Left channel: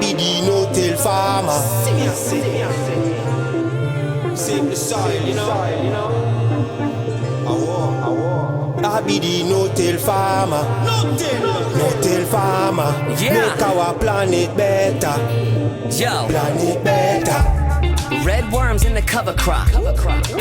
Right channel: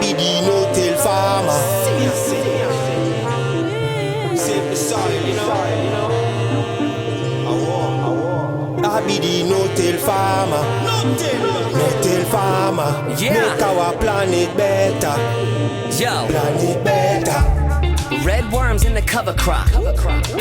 be the no-till farmer. Save the soil, you know. I be the no-till farmer. No-till farmer. Yeah. Make our planet better. Yo, Planet better. red worms in the cover crop.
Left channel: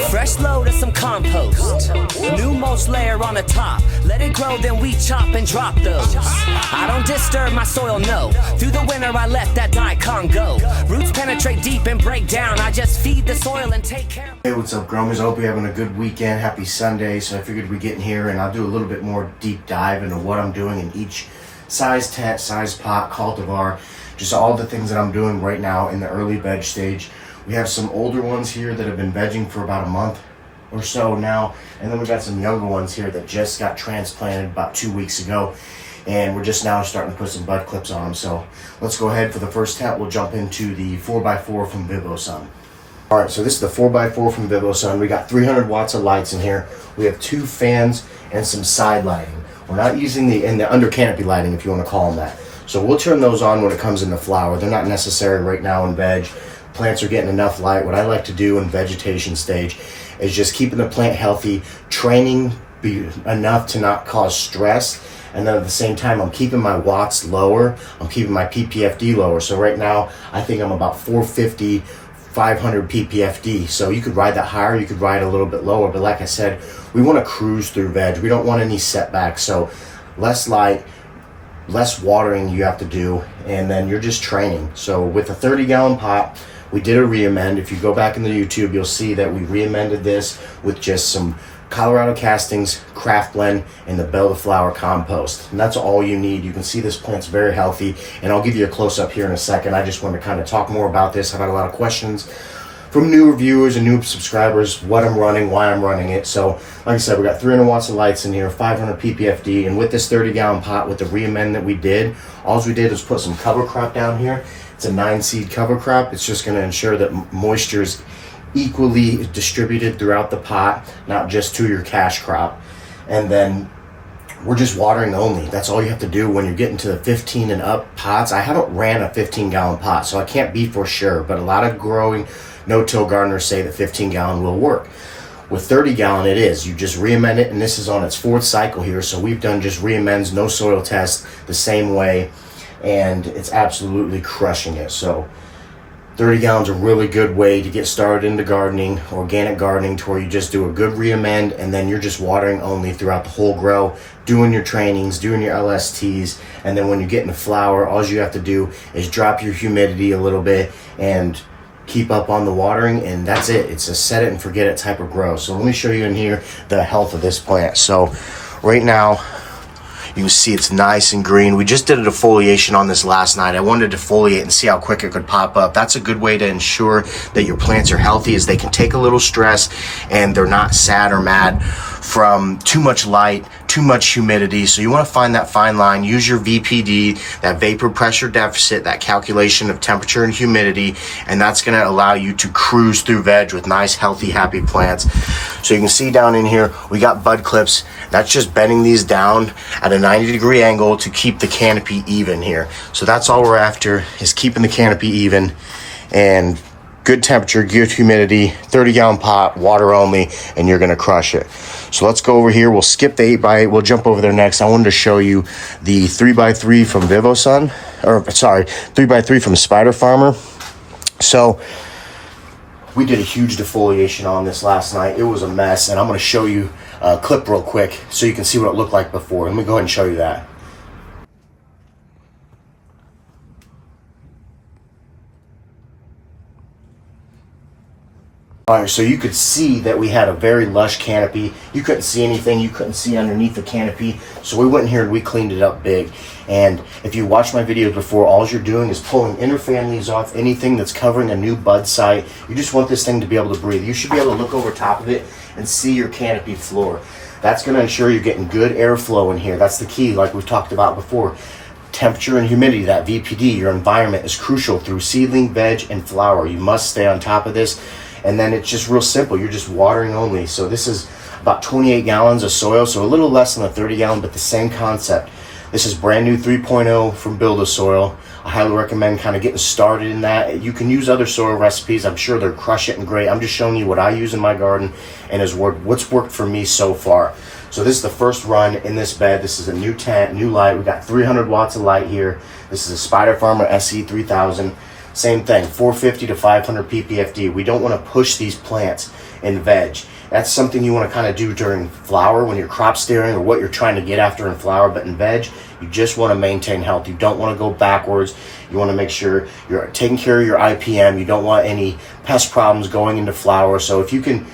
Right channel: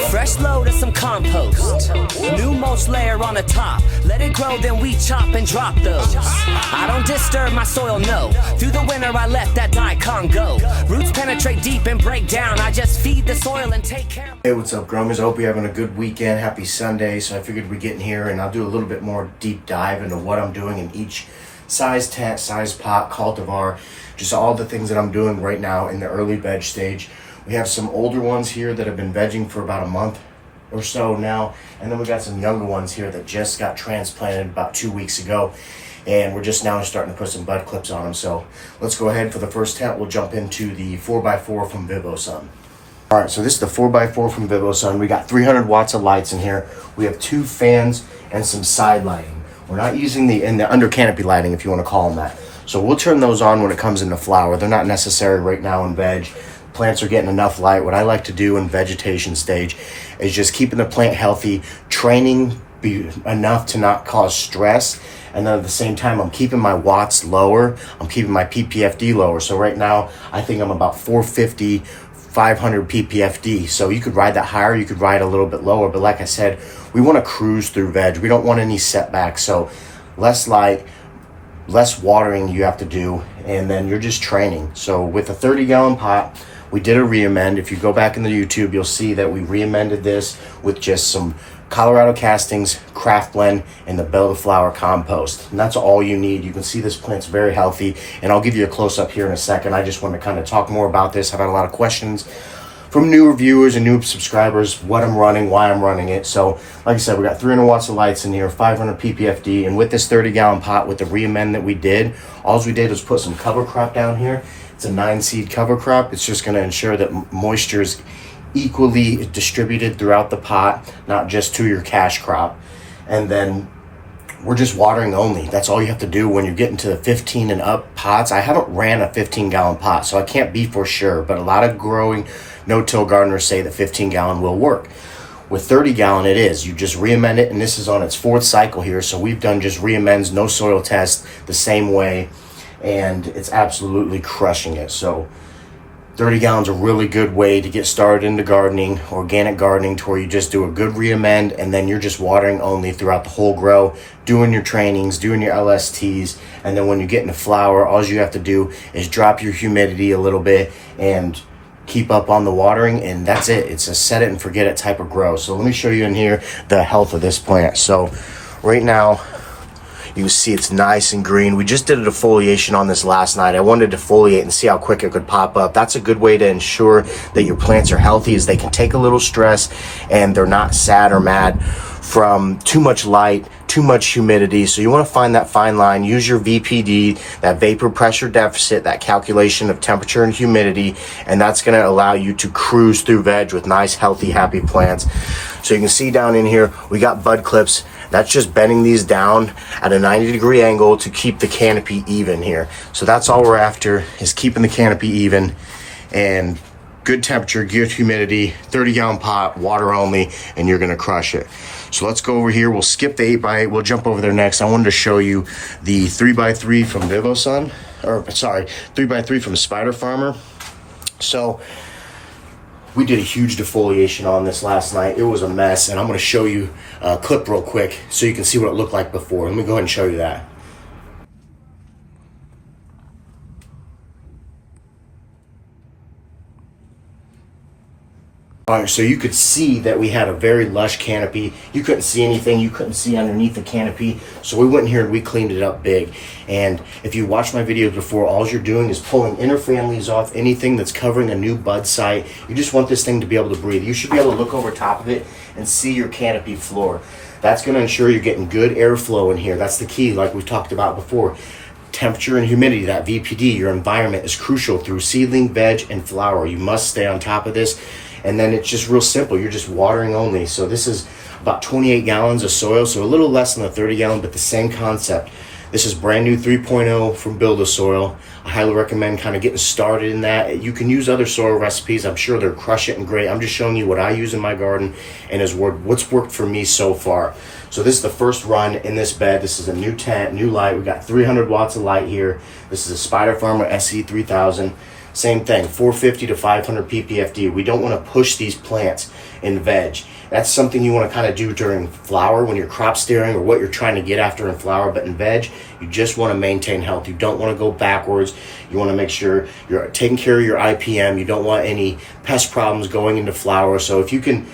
Fresh load of some compost. New mulch layer on the top. Let it grow, then we chop and drop those. I don't disturb my soil, no. Through the winter I let that daikon go. Roots penetrate deep and break down. I just feed the soil and take care of. Hey, what's up, growers? I hope you're having a good weekend. Happy Sunday. So I figured we'd get in here and I'll do a little bit more deep dive into what I'm doing in each size tent, size pot, cultivar, just all the things that I'm doing right now in the early veg stage. We have some older ones here that have been vegging for about a month or so now, and then we got some younger ones here that just got transplanted about 2 weeks ago, and we're just now starting to put some bud clips on them. So let's go ahead for the first tent. We'll jump into the 4x4 from vivosun. All right, so this is the 4x4 from vivosun. We got 300 watts of lights in here. We have 2 fans and some side lighting. We're not using the under canopy lighting, if you want to call them that. So we'll turn those on when it comes into flower. They're not necessary right now in veg. Plants are getting enough light. What I like to do in vegetation stage is just keeping the plant healthy, training enough to not cause stress, and then at the same time I'm keeping my watts lower, I'm keeping my ppfd lower. So right now I think I'm about 450, 500 ppfd. So you could ride that higher, you could ride a little bit lower, but like I said, we want to cruise through veg. We don't want any setbacks. So less light, less watering you have to do, and then you're just training. So with a 30-gallon pot, we did a re-amend. If you go back in the YouTube, you'll see that we re-amended this with just some Colorado castings, craft blend, and the Bell to Flower compost. And that's all you need. You can see this plant's very healthy, and I'll give you a close-up here in a second. I just want to kind of talk more about this. I've had a lot of questions from new reviewers and new subscribers, what I'm running, why I'm running it. So like I said, we got 300 watts of lights in here, 500 ppfd, and with this 30-gallon pot, with the re-amend that we did, all we did was put some cover crop down here. It's a 9-seed cover crop. It's just going to ensure that moisture is equally distributed throughout the pot, not just to your cash crop. And then we're just watering only. That's all you have to do when you're getting to the 15 and up pots. I haven't ran a 15-gallon pot, so I can't be for sure, but a lot of growing no-till gardeners say that 15-gallon will work. With 30-gallon, it is. You just re-amend it, and this is on its 4th cycle here, so we've done just re-amends, no soil test, the same way, and it's absolutely crushing it. So 30 gallons a really good way to get started into gardening, organic gardening, to where you just do a good re-amend, and then you're just watering only throughout the whole grow, doing your trainings, doing your LSTs, and then when you get into flower, all you have to do is drop your humidity a little bit and keep up on the watering, and that's it. It's a set it and forget it type of grow. So let me show you in here the health of this plant. So right now you can see it's nice and green. We just did a defoliation on this last night. I wanted to defoliate and see how quick it could pop up. That's a good way to ensure that your plants are healthy, is they can take a little stress and they're not sad or mad from too much light, too much humidity. So you want to find that fine line. Use your VPD, that vapor pressure deficit, that calculation of temperature and humidity, and that's going to allow you to cruise through veg with nice, healthy, happy plants. So you can see down in here, we got bud clips. That's just bending these down at a 90-degree angle to keep the canopy even here. So that's all we're after, is keeping the canopy even, and good temperature, good humidity, 30-gallon pot, water only, and you're going to crush it. So let's go over here. We'll skip the 8x8. We'll jump over there next. I wanted to show you the 3x3 from vivosun, or sorry, 3x3 from Spider Farmer. So we did a huge defoliation on this last night. It was a mess, and I'm going to show you a clip real quick so you can see what it looked like before. Let me go ahead and show you that. All right, so you could see that we had a very lush canopy. You couldn't see anything. You couldn't see underneath the canopy. So we went in here and we cleaned it up big. And if you watched my videos before, all you're doing is pulling inner families off, anything that's covering a new bud site. You just want this thing to be able to breathe. You should be able to look over top of it and see your canopy floor. That's going to ensure you're getting good airflow in here. That's the key, like we've talked about before. Temperature and humidity, that VPD, your environment is crucial through seedling, veg, and flower. You must stay on top of this. And then it's just real simple. You're just watering only. So this is about 28 gallons of soil, so a little less than a 30 gallon, but the same concept. This is brand new 3.0 from Build a Soil. I highly recommend kind of getting started in that. You can use other soil recipes. I'm sure they're crush it and great. I'm just showing you what I use in my garden and what's worked for me so far. So this is the first run in this bed. This is a new tent, new light. We got 300 watts of light here. This is a Spider Farmer SE3000. Same thing, 450 to 500 ppfd. We don't want to push these plants in veg. That's something you want to kind of do during flower when you're crop steering or what you're trying to get after in flower. But in veg, you just want to maintain health. You don't want to go backwards. You want to make sure you're taking care of your IPM. You don't want any pest problems going into flower. So if you can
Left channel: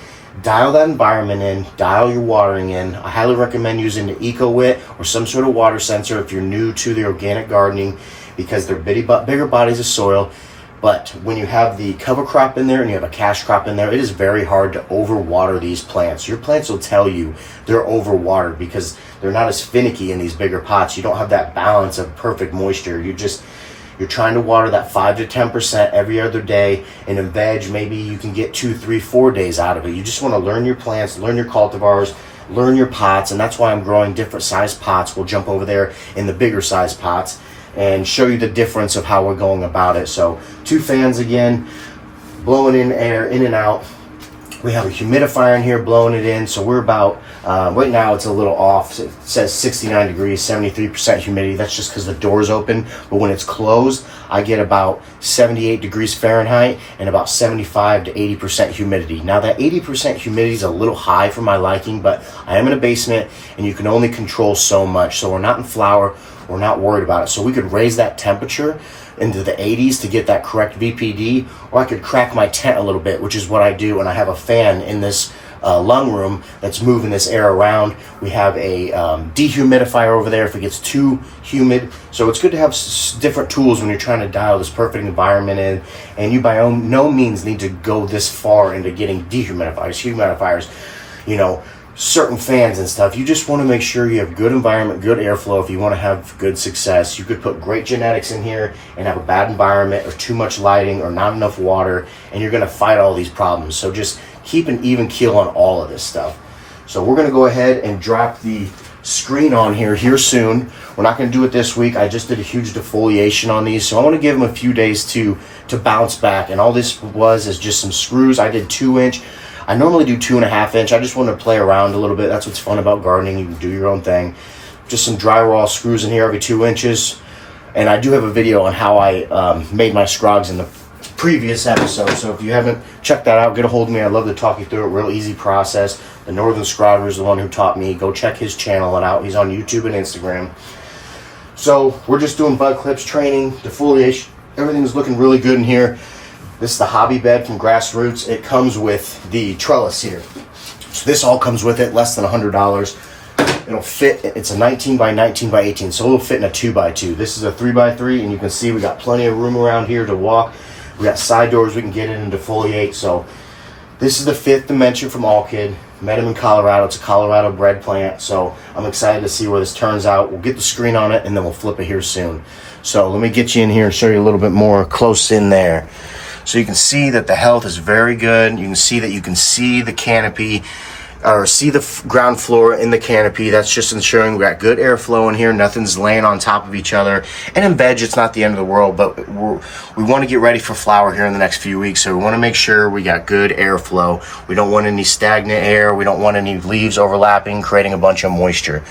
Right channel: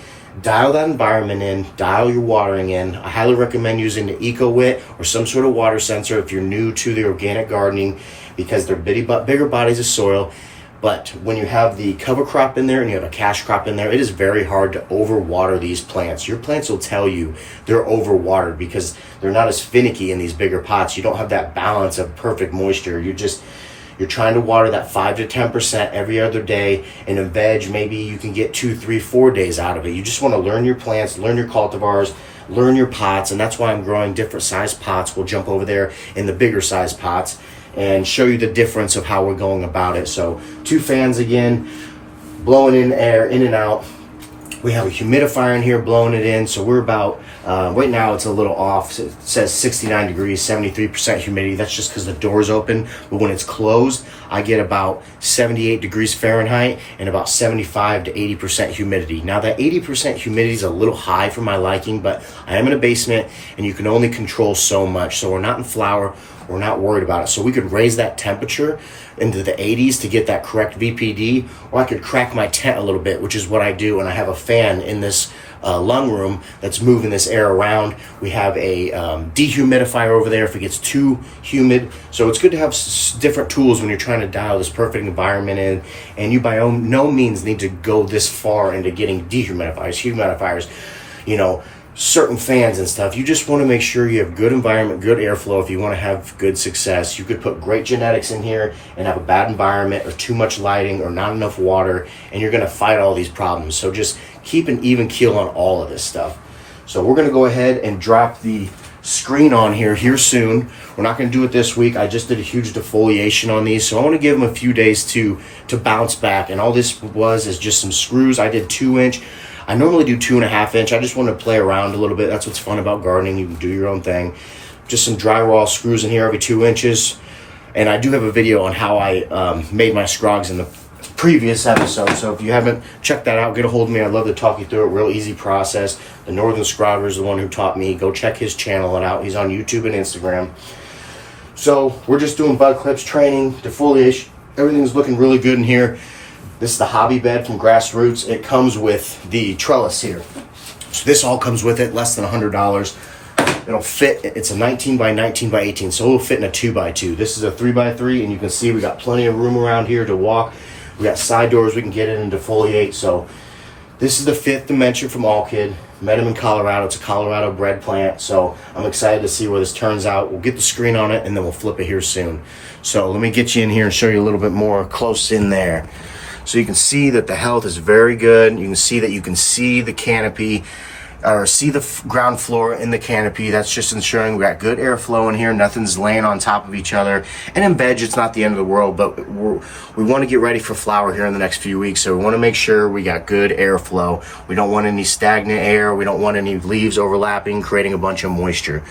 dial that environment in, dial your watering in, I highly recommend using the EcoWit or some sort of water sensor if you're new to the organic gardening, because they're bigger bodies of soil. But when you have the cover crop in there and you have a cash crop in there, it is very hard to overwater these plants. Your plants will tell you they're overwatered because they're not as finicky in these bigger pots. You don't have that balance of perfect moisture. You're trying to water that 5 to 10% every other day. And in veg, maybe you can get 2, 3, 4 days out of it. You just want to learn your plants, learn your cultivars, learn your pots. And that's why I'm growing different size pots. We'll jump over there in the bigger size pots and show you the difference of how we're going about it. So 2 fans again, blowing in air in and out. We have a humidifier in here blowing it in. So we're about, right now it's a little off. It says 69 degrees, 73% humidity. That's just because the door's open. But when it's closed, I get about 78 degrees Fahrenheit and about 75 to 80% humidity. Now that 80% humidity is a little high for my liking, but I am in a basement and you can only control so much. So we're not in flower. We're not worried about it. So we could raise that temperature into the 80s to get that correct VPD, or I could crack my tent a little bit, which is what I do. And I have a fan in this lung room that's moving this air around. We have a dehumidifier over there if it gets too humid. So it's good to have different tools when you're trying to dial this perfect environment in. And you by no means need to go this far into getting humidifiers, you know, certain fans and stuff. You just want to make sure you have good environment, good airflow. If you want to have good success, you could put great genetics in here and have a bad environment or too much lighting or not enough water, and you're going to fight all these problems. So just keep an even keel on all of this stuff. So we're going to go ahead and drop the screen on here soon. We're not going to do it this week. I just did a huge defoliation on these, so I want to give them a few days to bounce back. And all this is just some screws. I did 2-inch. I normally do 2.5-inch. I just want to play around a little bit. That's what's fun about gardening. You can do your own thing. Just some drywall screws in here every 2 inches. And I do have a video on how I made my scrogs in the previous episode. So if you haven't checked that out, get a hold of me. I'd love to talk you through it. Real easy process. The Northern Scrogger is the one who taught me. Go check his channel out. He's on YouTube and Instagram. So we're just doing bud clips, training, defoliation. Everything's looking really good in here. This is the hobby bed from Grassroots. It comes with the trellis here. So this all comes with it, less than $100. It'll fit, it's a 19 by 19 by 18, so it'll fit in a 2x2. This is a 3x3, and you can see we got plenty of room around here to walk. We got side doors we can get in and defoliate. So this is the 5th dimension from Allkid. Met him in Colorado. It's a Colorado bred plant, so I'm excited to see where this turns out. We'll get the screen on it, and then we'll flip it here soon. So let me get you in here and show you a little bit more close in there. So you can see that the health is very good. You can see that you can see the canopy, or see the ground floor in the canopy. That's just ensuring we got good airflow in here. Nothing's laying on top of each other. And in veg, it's not the end of the world, but we want to get ready for flower here in the next few weeks. So we want to make sure we got good airflow. We don't want any stagnant air. We don't want any leaves overlapping, creating a bunch of moisture.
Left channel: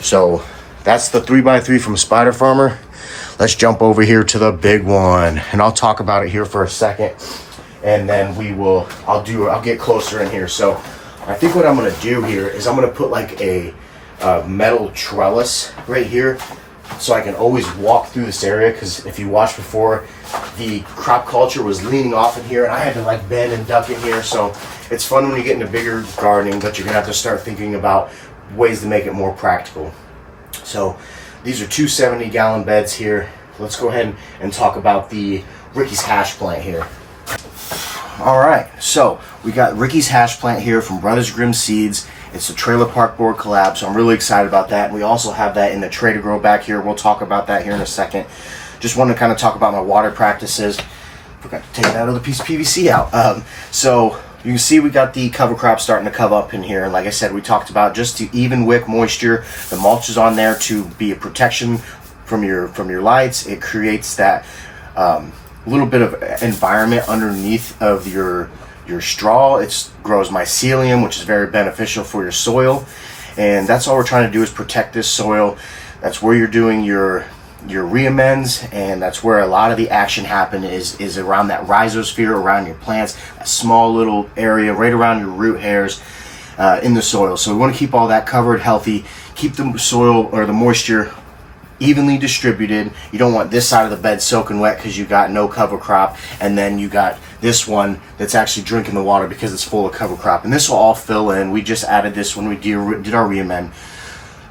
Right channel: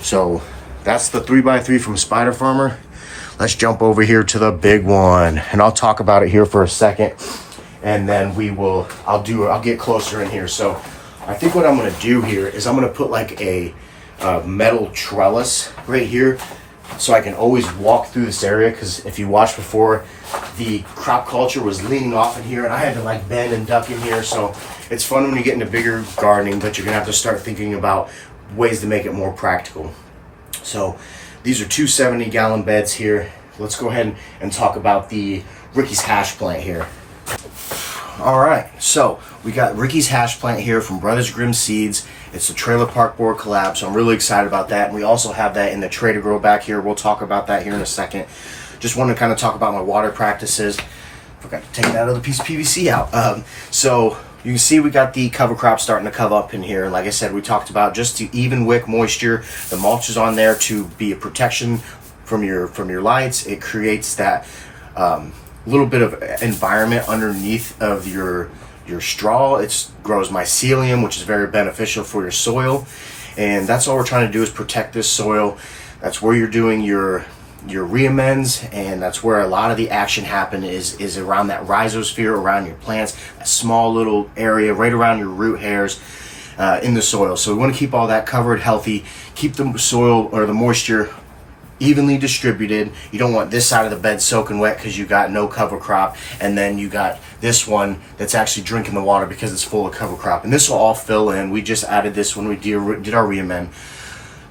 So that's the 3x3 from Spider Farmer. Let's jump over here to the big one, and I'll talk about it here for a second, and then I'll get closer in here. So I think what I'm going to do here is I'm going to put like a metal trellis right here, so I can always walk through this area, because if you watched before, the crop culture was leaning off in here, and I had to like bend and duck in here. So it's fun when you get into bigger gardening, but you're going to have to start thinking about ways to make it more practical. So these are 2 70-gallon beds here. Let's go ahead and talk about the Ricky's hash plant here. All right, so we got Ricky's hash plant here from Brothers Grimm Seeds. It's a trailer park board collab, so I'm really excited about that. And we also have that in the Trader Grow back here. We'll talk about that here in a second. Just want to kind of talk about my water practices. Forgot to take that other piece of PVC out. So You can see we got the cover crop starting to cover up in here, and like I said, we talked about just to even wick moisture. The mulch is on there to be a protection from your lights. It creates that little bit of environment underneath of your straw. It grows mycelium, which is very beneficial for your soil, and that's all we're trying to do is protect this soil. That's where you're doing your reamends, and that's where a lot of the action happen is around that rhizosphere, around your plants, a small little area right around your root hairs in the soil. So we want to keep all that covered, healthy, keep the soil or the moisture evenly distributed. You don't want this side of the bed soaking wet because you got no cover crop, and then you got this one that's actually drinking the water because it's full of cover crop, and this will all fill in. We just added this when we did our reamend.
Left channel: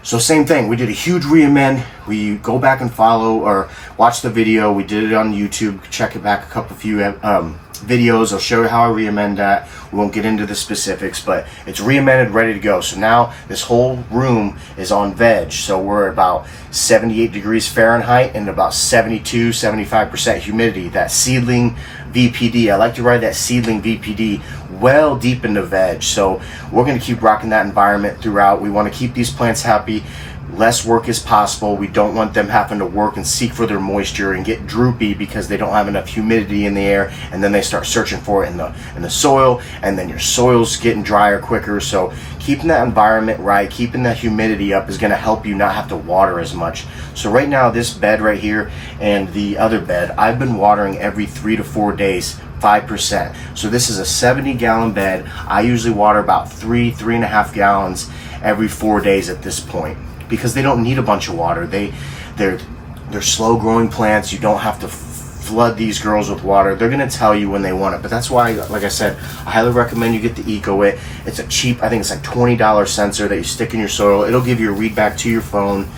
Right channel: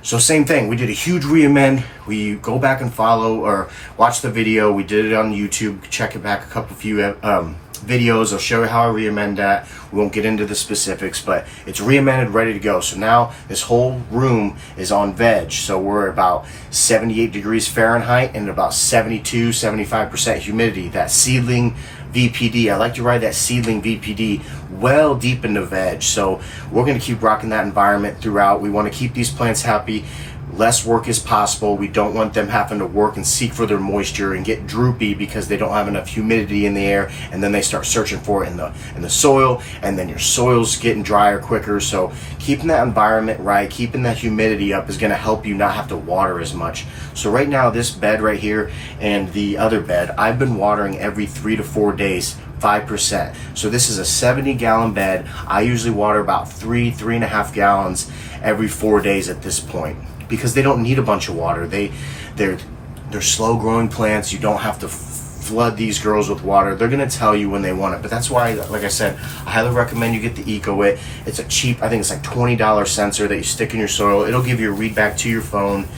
So same thing, we did a huge reamend. We go back and follow or watch the video. We did it on YouTube. Check it back a few videos. I'll show you how I reamend that. We won't get into the specifics, but it's reamended, ready to go. So now this whole room is on veg. So we're at about 78 degrees Fahrenheit and about 72-75% humidity. That seedling VPD, I like to ride that seedling VPD well deep into veg. So we're going to keep rocking that environment throughout. We want to keep these plants happy. Less work is possible. We don't want them having to work and seek for their moisture and get droopy because they don't have enough humidity in the air, and then they start searching for it in the soil, and then your soil's getting drier quicker. So keeping that environment right, keeping that humidity up is going to help you not have to water as much. So right now, this bed right here and the other bed, I've been watering every 3 to 4 days, 5%. So this is a 70-gallon bed. I usually water about 3.5 gallons every 4 days at this point, because they don't need a bunch of water. They're slow growing plants. You don't have to flood these girls with water. They're gonna tell you when they want it. But that's why, like I said, I highly recommend you get the EcoWit. It's a cheap, I think it's like $20 sensor that you stick in your soil. It'll give you a read back to your phone.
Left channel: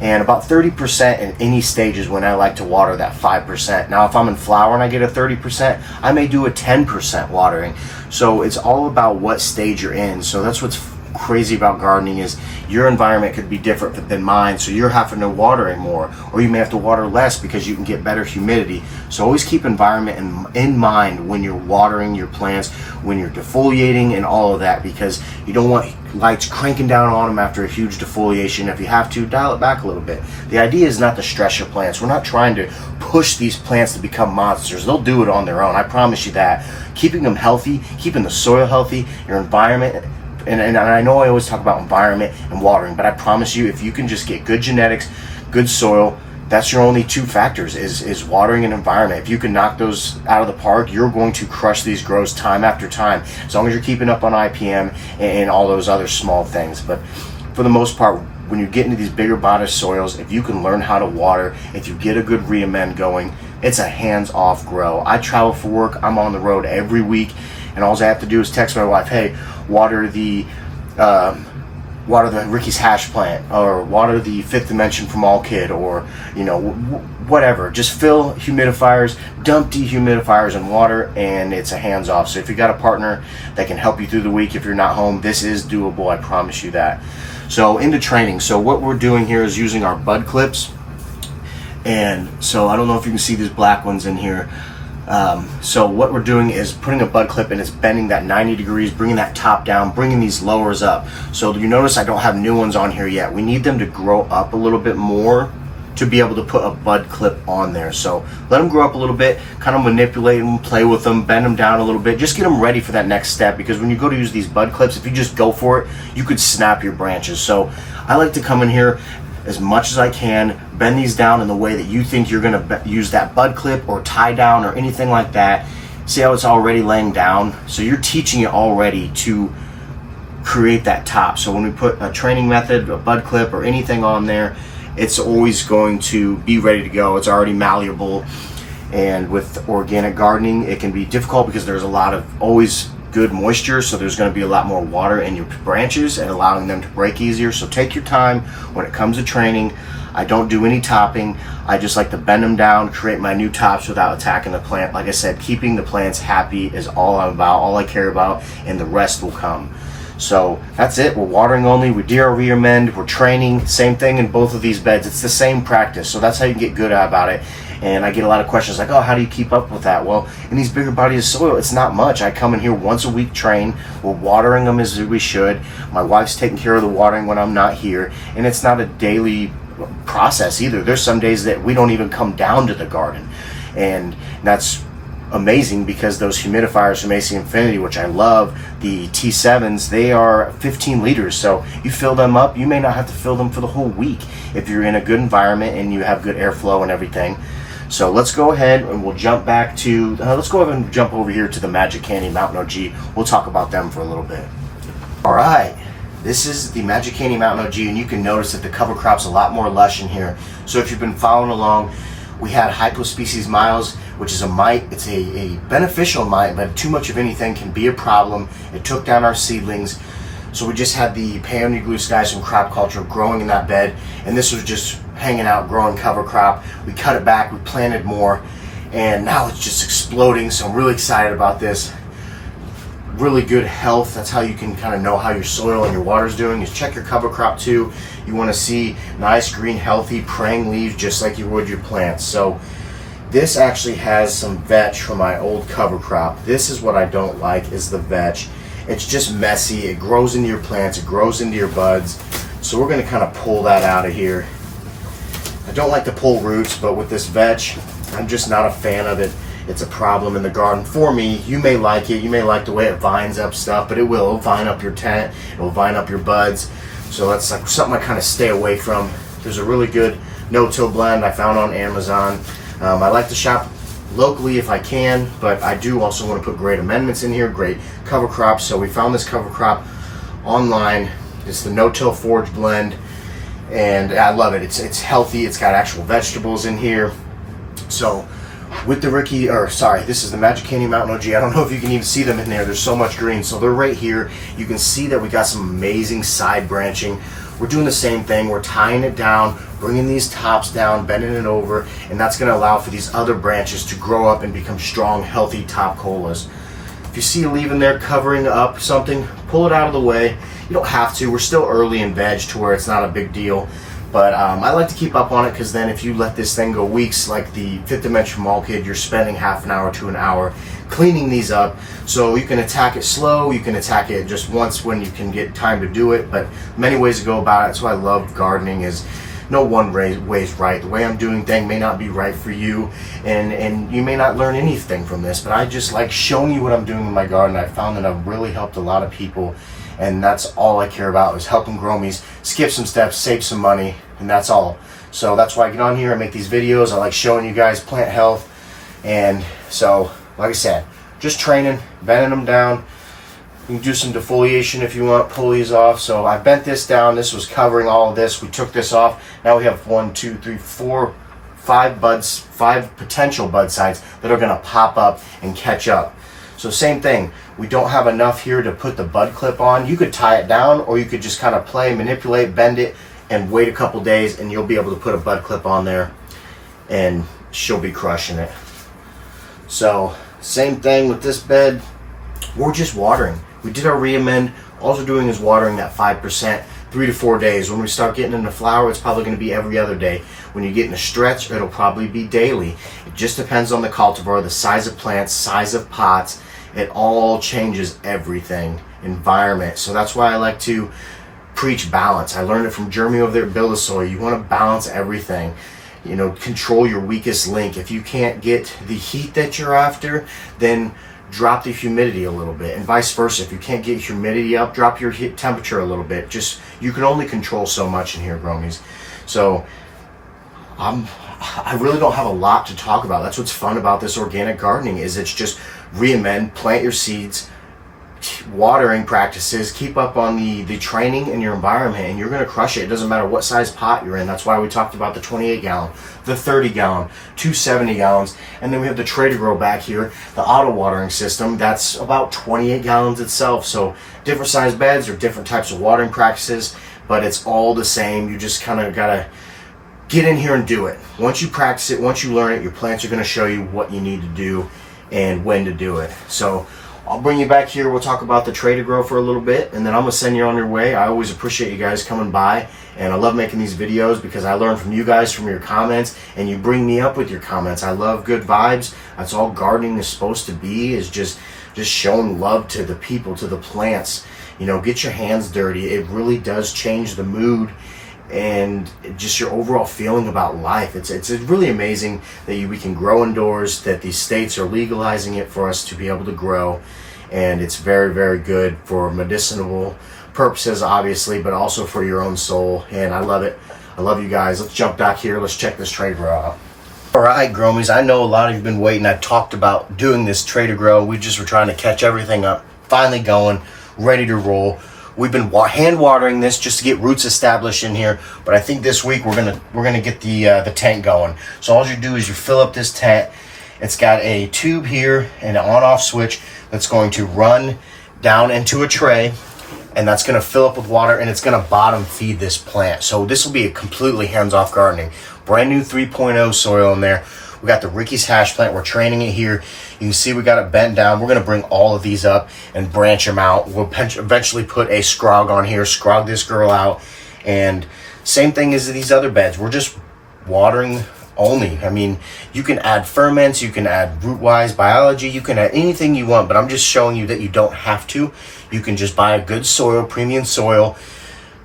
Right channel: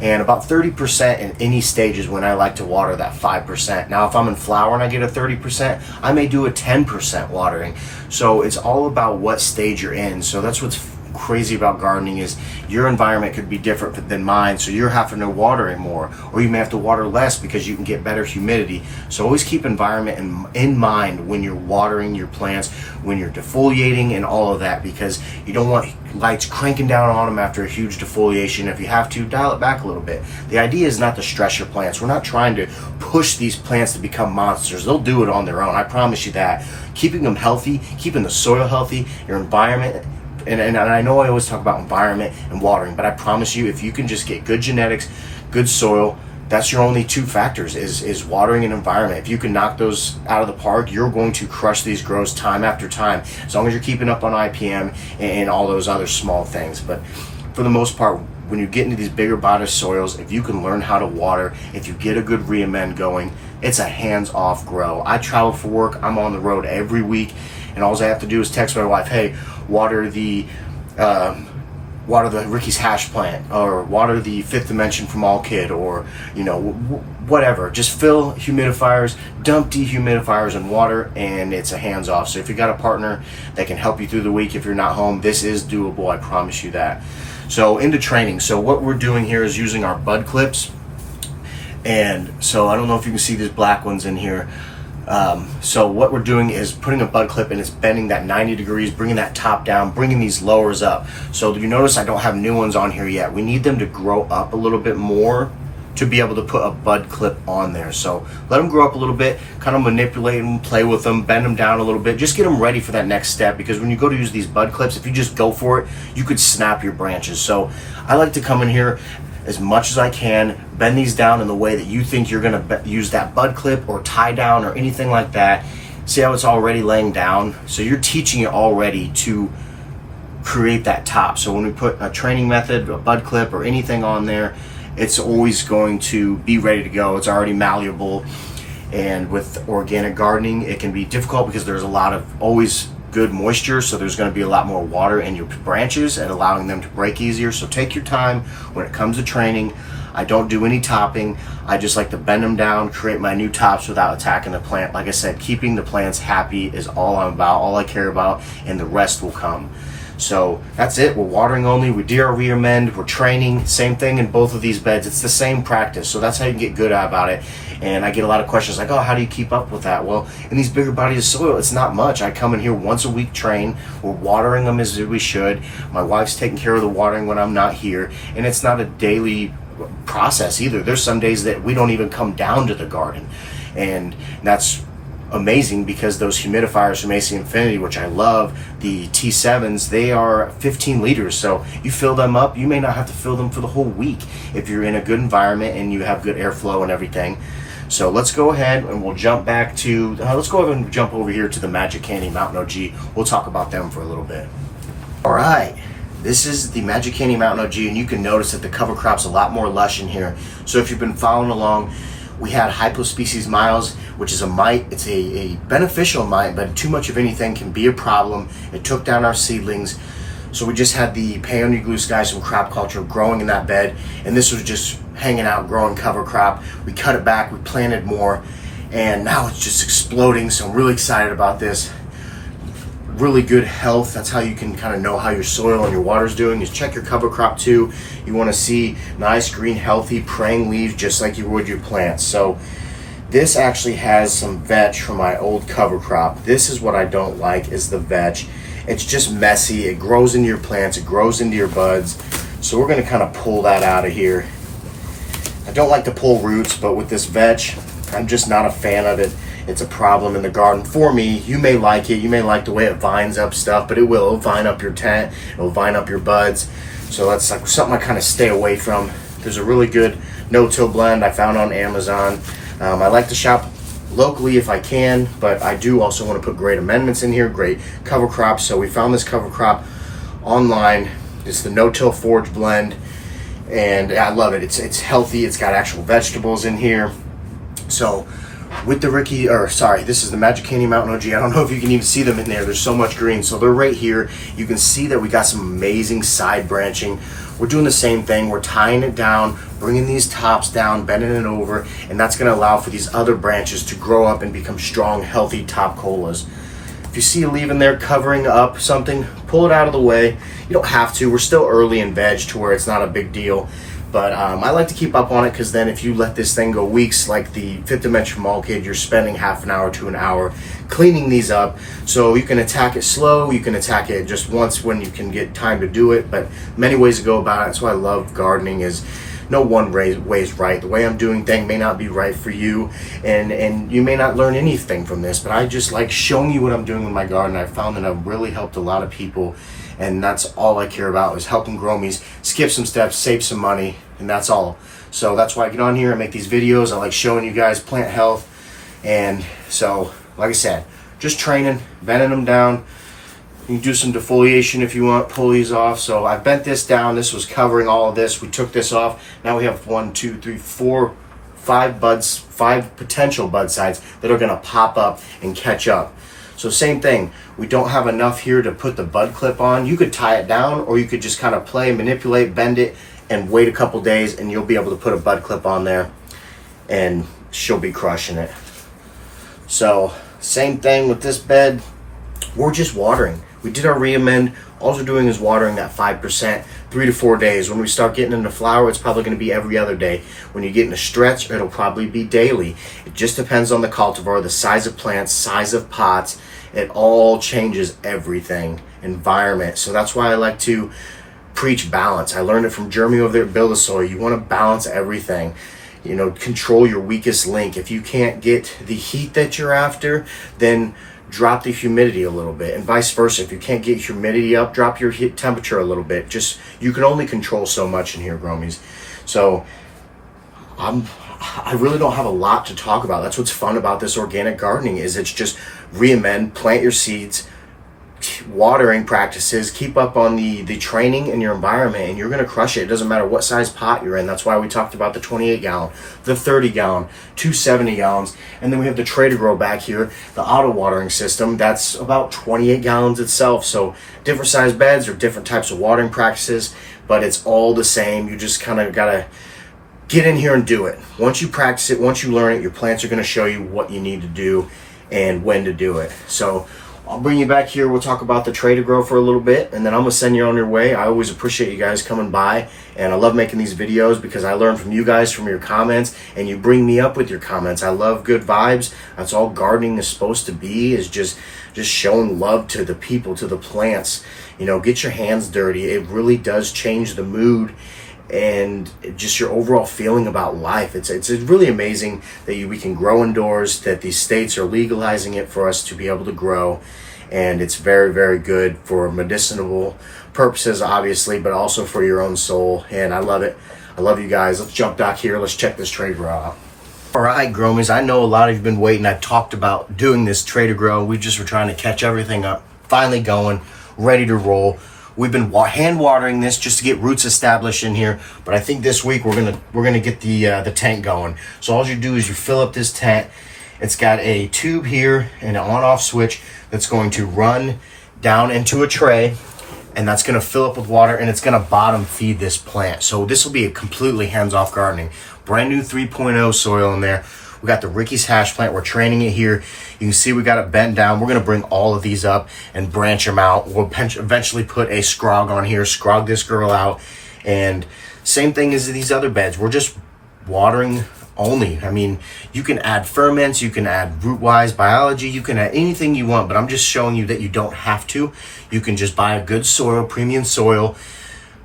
And about 30% in any stage is when I like to water that 5%. Now, if I'm in flower and I get a 30%, I may do a 10% watering. So it's all about what stage you're in. So that's what's crazy about gardening, is your environment could be different than mine, so you're having to water it more, or you may have to water less because you can get better humidity. So always keep environment in mind when you're watering your plants, when you're defoliating and all of that, because you don't want lights cranking down on them after a huge defoliation. If you have to, dial it back a little bit. The idea is not to stress your plants. We're not trying to push these plants to become monsters. They'll do it on their own, I promise you that. Keeping them healthy, keeping the soil healthy, your environment. And I know I always talk about environment and watering, but I promise you, if you can just get good genetics, good soil, that's your only two factors, is watering and environment. If you can knock those out of the park, you're going to crush these grows time after time, as long as you're keeping up on IPM and all those other small things. But for the most part, when you get into these bigger bodied soils, if you can learn how to water, if you get a good reamend going, it's a hands-off grow. I travel for work. I'm on the road every week, and all I have to do is text my wife, hey, water the Ricky's hash plant, or water the Fifth Dimension from All Kid, or whatever. Just fill humidifiers, dump dehumidifiers in water, and it's a hands off. So if you got a partner that can help you through the week if you're not home, this is doable, I promise you that. So into training. So what we're doing here is using our bud clips, and so I don't know if you can see these black ones in here. So what we're doing is putting a bud clip, and it's bending that 90 degrees, bringing that top down, bringing these lowers up. So you notice I don't have new ones on here yet. We need them to grow up a little bit more to be able to put a bud clip on there. So let them grow up a little bit, kind of manipulate them, play with them, bend them down a little bit, just get them ready for that next step, because when you go to use these bud clips, if you just go for it, you could snap your branches. So I like to come in here as much as I can, bend these down in the way that you think you're gonna use that bud clip or tie down or anything like that. See how it's already laying down? So you're teaching it already to create that top. So when we put a training method, a bud clip or anything on there, it's always going to be ready to go. It's already malleable. And with organic gardening, it can be difficult because there's a lot of always good moisture, so there's going to be a lot more water in your branches and allowing them to break easier. So take your time when it comes to training. I don't do any topping. I just like to bend them down, create my new tops without attacking the plant. Like I said, keeping the plants happy is all I'm about, all I care about, and the rest will come. So that's it. We're watering only. We do our reamend. We're training. Same thing in both of these beds. It's the same practice. So that's how you get good about it. And I get a lot of questions like, oh, how do you keep up with that? Well, in these bigger bodies of soil, it's not much. I come in here once a week, train. We're watering them as we should. My wife's taking care of the watering when I'm not here. And it's not a daily process either. There's some days that we don't even come down to the garden. And that's amazing because those humidifiers from AC Infinity, which I love, the T7s, they are 15 liters. So you fill them up, you may not have to fill them for the whole week if you're in a good environment and you have good airflow and everything. So let's go ahead and we'll jump back to, let's go ahead and jump over here to the Magic Candy Mountain OG. We'll talk about them for a little bit. All right. This is the Magic Candy Mountain OG, and you can notice that the cover crop's a lot more lush in here. So if you've been following along, we had hypospecies miles, which is a mite. It's a beneficial mite, but too much of anything can be a problem. It took down our seedlings. So we just had the peony glue skies from crop culture growing in that bed, and this was just hanging out, growing cover crop. We cut it back, we planted more, and now it's just exploding. So I'm really excited about this. Really good health. That's how you can kind of know how your soil and your water's doing, is check your cover crop too. You want to see nice green healthy praying leaves just like you would your plants. So this actually has some vetch from my old cover crop. This is what I don't like, is the vetch. It's just messy. It grows into your plants, it grows into your buds. So we're going to kind of pull that out of here. I don't like to pull roots, but with this vetch, I'm just not a fan of it. It's a problem in the garden for me. You may like it. You may like the way it vines up stuff, but it'll vine up your tent. It'll vine up your buds. So that's like something I kind of stay away from. There's a really good no-till blend I found on Amazon. I like to shop locally if I can, but I do also want to put great amendments in here, great cover crops. So we found this cover crop online. It's the no-till forage blend, and I love it. It's healthy. It's got actual vegetables in here. So with the this is the Magic Candy Mountain OG. I don't know if you can even see them in there. There's so much green. So they're right here. You can see that we got some amazing side branching. We're doing the same thing. We're tying it down, bringing these tops down, bending it over, and that's going to allow for these other branches to grow up and become strong, healthy top colas. If you see a leaf in there covering up something, pull it out of the way. You don't have to. We're still early in veg to where it's not a big deal. But I like to keep up on it, because then if you let this thing go weeks, like the Fifth Dimension Mall Kid, you're spending half an hour to an hour cleaning these up. So you can attack it slow, you can attack it just once when you can get time to do it, but many ways to go about it. That's why I love gardening, is no one way is right. The way I'm doing things may not be right for you, and you may not learn anything from this, but I just like showing you what I'm doing with my garden. I found that I've really helped a lot of people, and that's all I care about, is helping gromies skip some steps, save some money, and that's all. So that's why I get on here and make these videos. I like showing you guys plant health. And so, like I said, just training, bending them down. You can do some defoliation if you want, pull these off. So I bent this down. This was covering all of this. We took this off. Now we have 5 potential bud sides that are gonna pop up and catch up. So same thing, we don't have enough here to put the bud clip on. You could tie it down, or you could just kind of play, manipulate, bend it, and wait a couple days, and you'll be able to put a bud clip on there, and she'll be crushing it. So same thing with this bed. We're just watering. We did our re-amend. All we're doing is watering that 5%, 3 to 4 days. When we start getting into flower, it's probably going to be every other day. When you get in a stretch, it'll probably be daily. It just depends on the cultivar, the size of plants, size of pots. It all changes everything. Environment. So that's why I like to preach balance. I learned it from Jeremy over there at Build a Soil. You want to balance everything. You know, control your weakest link. If you can't get the heat that you're after, then drop the humidity a little bit, and vice versa. If you can't get humidity up, drop your heat temperature a little bit. Just, you can only control so much in here, Gromies. So I really don't have a lot to talk about. That's what's fun about this organic gardening, is it's just re-amend, plant your seeds, watering practices, keep up on the training in your environment, and you're going to crush it. It doesn't matter what size pot you're in. That's why we talked about the 28 gallon, the 30 gallon, 270 gallons, and then we have the Trader Grow back here, the auto watering system. That's about 28 gallons itself. So different size beds or different types of watering practices, but it's all the same. You just kind of got to get in here and do it. Once you practice it, once you learn it, your plants are going to show you what you need to do and when to do it. So I'll bring you back here. We'll talk about the tray to grow for a little bit, and then I'm gonna send you on your way. I always appreciate you guys coming by, and I love making these videos because I learn from you guys, from your comments, and you bring me up with your comments. I love good vibes. That's all gardening is supposed to be, is just showing love to the people, to the plants. You know, get your hands dirty. It really does change the mood and just your overall feeling about life. It's really amazing that we can grow indoors, that these states are legalizing it for us to be able to grow, and it's very, very good for medicinal purposes, obviously, but also for your own soul, and I love it. I love you guys. Let's jump back here. Let's check this tray to grow out. All right, Gromies, I know a lot of you have been waiting. I talked about doing this tray to grow. We just were trying to catch everything up, finally going, ready to roll. We've been hand watering this just to get roots established in here, but I think this week we're gonna get the tank going. So all you do is you fill up this tank. It's got a tube here and an on-off switch that's going to run down into a tray, and that's gonna fill up with water, and it's gonna bottom feed this plant. So this will be a completely hands-off gardening. Brand new 3.0 soil in there. We got the Ricky's hash plant. We're training it here. You can see we got it bent down. We're going to bring all of these up and branch them out. We'll eventually put a scrog on here, scrog this girl out. And same thing as these other beds. We're just watering only. I mean, you can add ferments, you can add root-wise biology, you can add anything you want, but I'm just showing you that you don't have to. You can just buy a good soil, premium soil,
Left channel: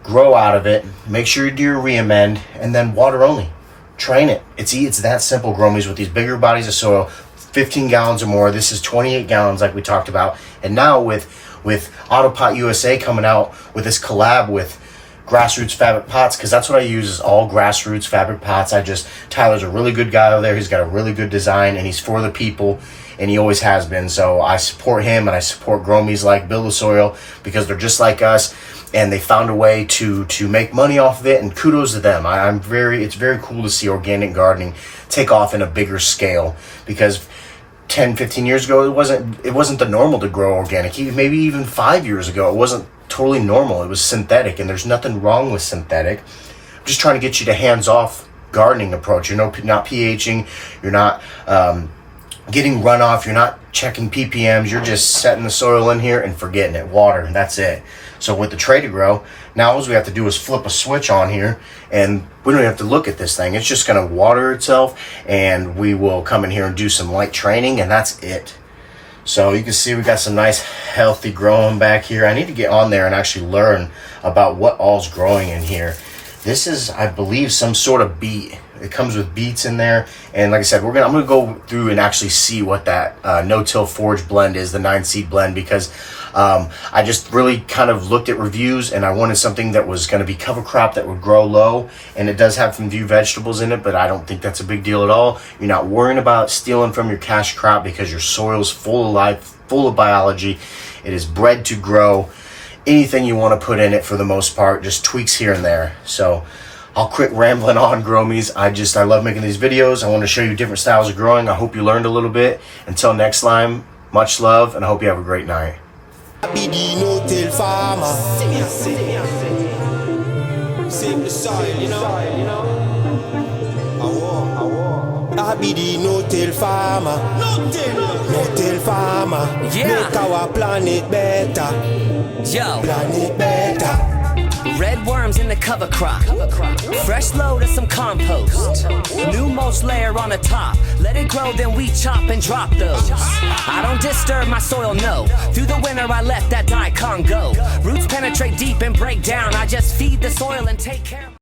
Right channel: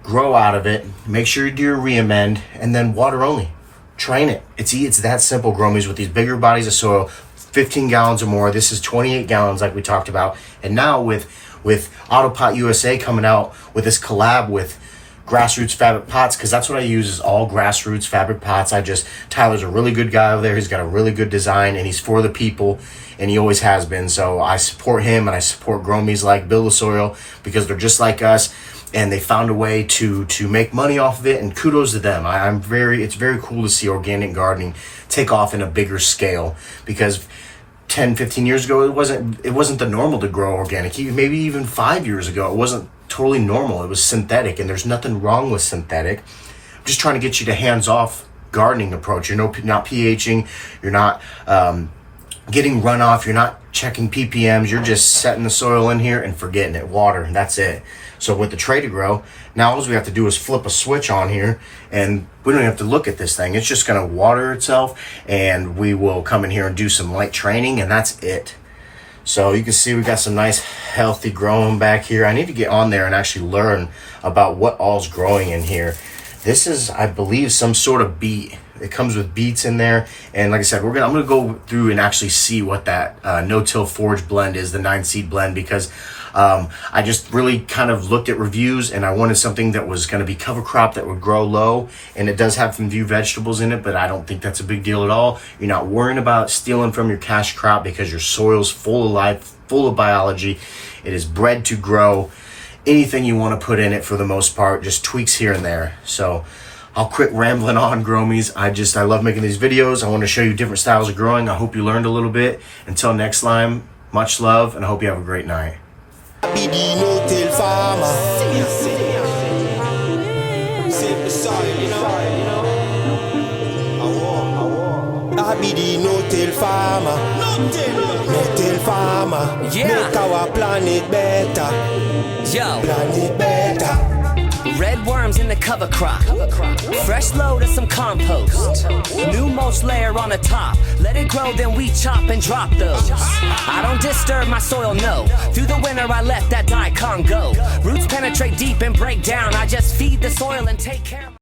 grow out of it, make sure you do your re-amend, and then water only. Train it. It's that simple, Gromies, with these bigger bodies of soil, 15 gallons or more. This is 28 gallons like we talked about. And now with Autopot USA coming out with this collab with Grassroots Fabric Pots, because that's what I use, is all Grassroots Fabric Pots. Tyler's a really good guy over there. He's got a really good design, and he's for the people, and he always has been. So I support him, and I support Gromies like Build a Soil, because they're just like us. And they found a way to make money off of it, and kudos to them. It's very cool to see organic gardening take off in a bigger scale, because 10, 15 years ago, it wasn't the normal to grow organic. Maybe even 5 years ago, it wasn't totally normal. It was synthetic, and there's nothing wrong with synthetic. I'm just trying to get you to hands-off gardening approach. You're not pHing, you're not getting runoff, you're not checking ppms, you're just setting the soil in here and forgetting it, water, and that's it. So with the tray to grow, now all we have to do is flip a switch on here, and we don't have to look at this thing. It's just gonna water itself, and we will come in here and do some light training, and that's it. So you can see we got some nice healthy growing back here. I need to get on there and actually learn about what all's growing in here. This is, I believe, some sort of beet. It comes with beets in there, and like I said, I'm gonna go through and actually see what that no-till forage blend is, the 9-seed blend, because I just really kind of looked at reviews, and I wanted something that was going to be cover crop that would grow low, and it does have some few vegetables in it, but I don't think that's a big deal at all. You're not worrying about stealing from your cash crop because your soil's full of life, full of biology. It is bred to grow anything you want to put in it for the most part, just tweaks here and there. So I'll quit rambling on, Gromies. I love making these videos. I want to show you different styles of growing. I hope you learned a little bit. Until next time, much love, and I hope you have a great night. I be the no-till farmer. Save the soil, you know. I be the no-till farmer. No-till farmer. Yeah. Make our planet better. Yo, Planet better. red worms in the cover crop. Fresh load of some compost. New mulch layer on the top. Let it grow, then we chop and drop those. I don't disturb my soil, no. Through the winter I let that daikon go. Roots penetrate deep and break down. I just feed the soil and take care of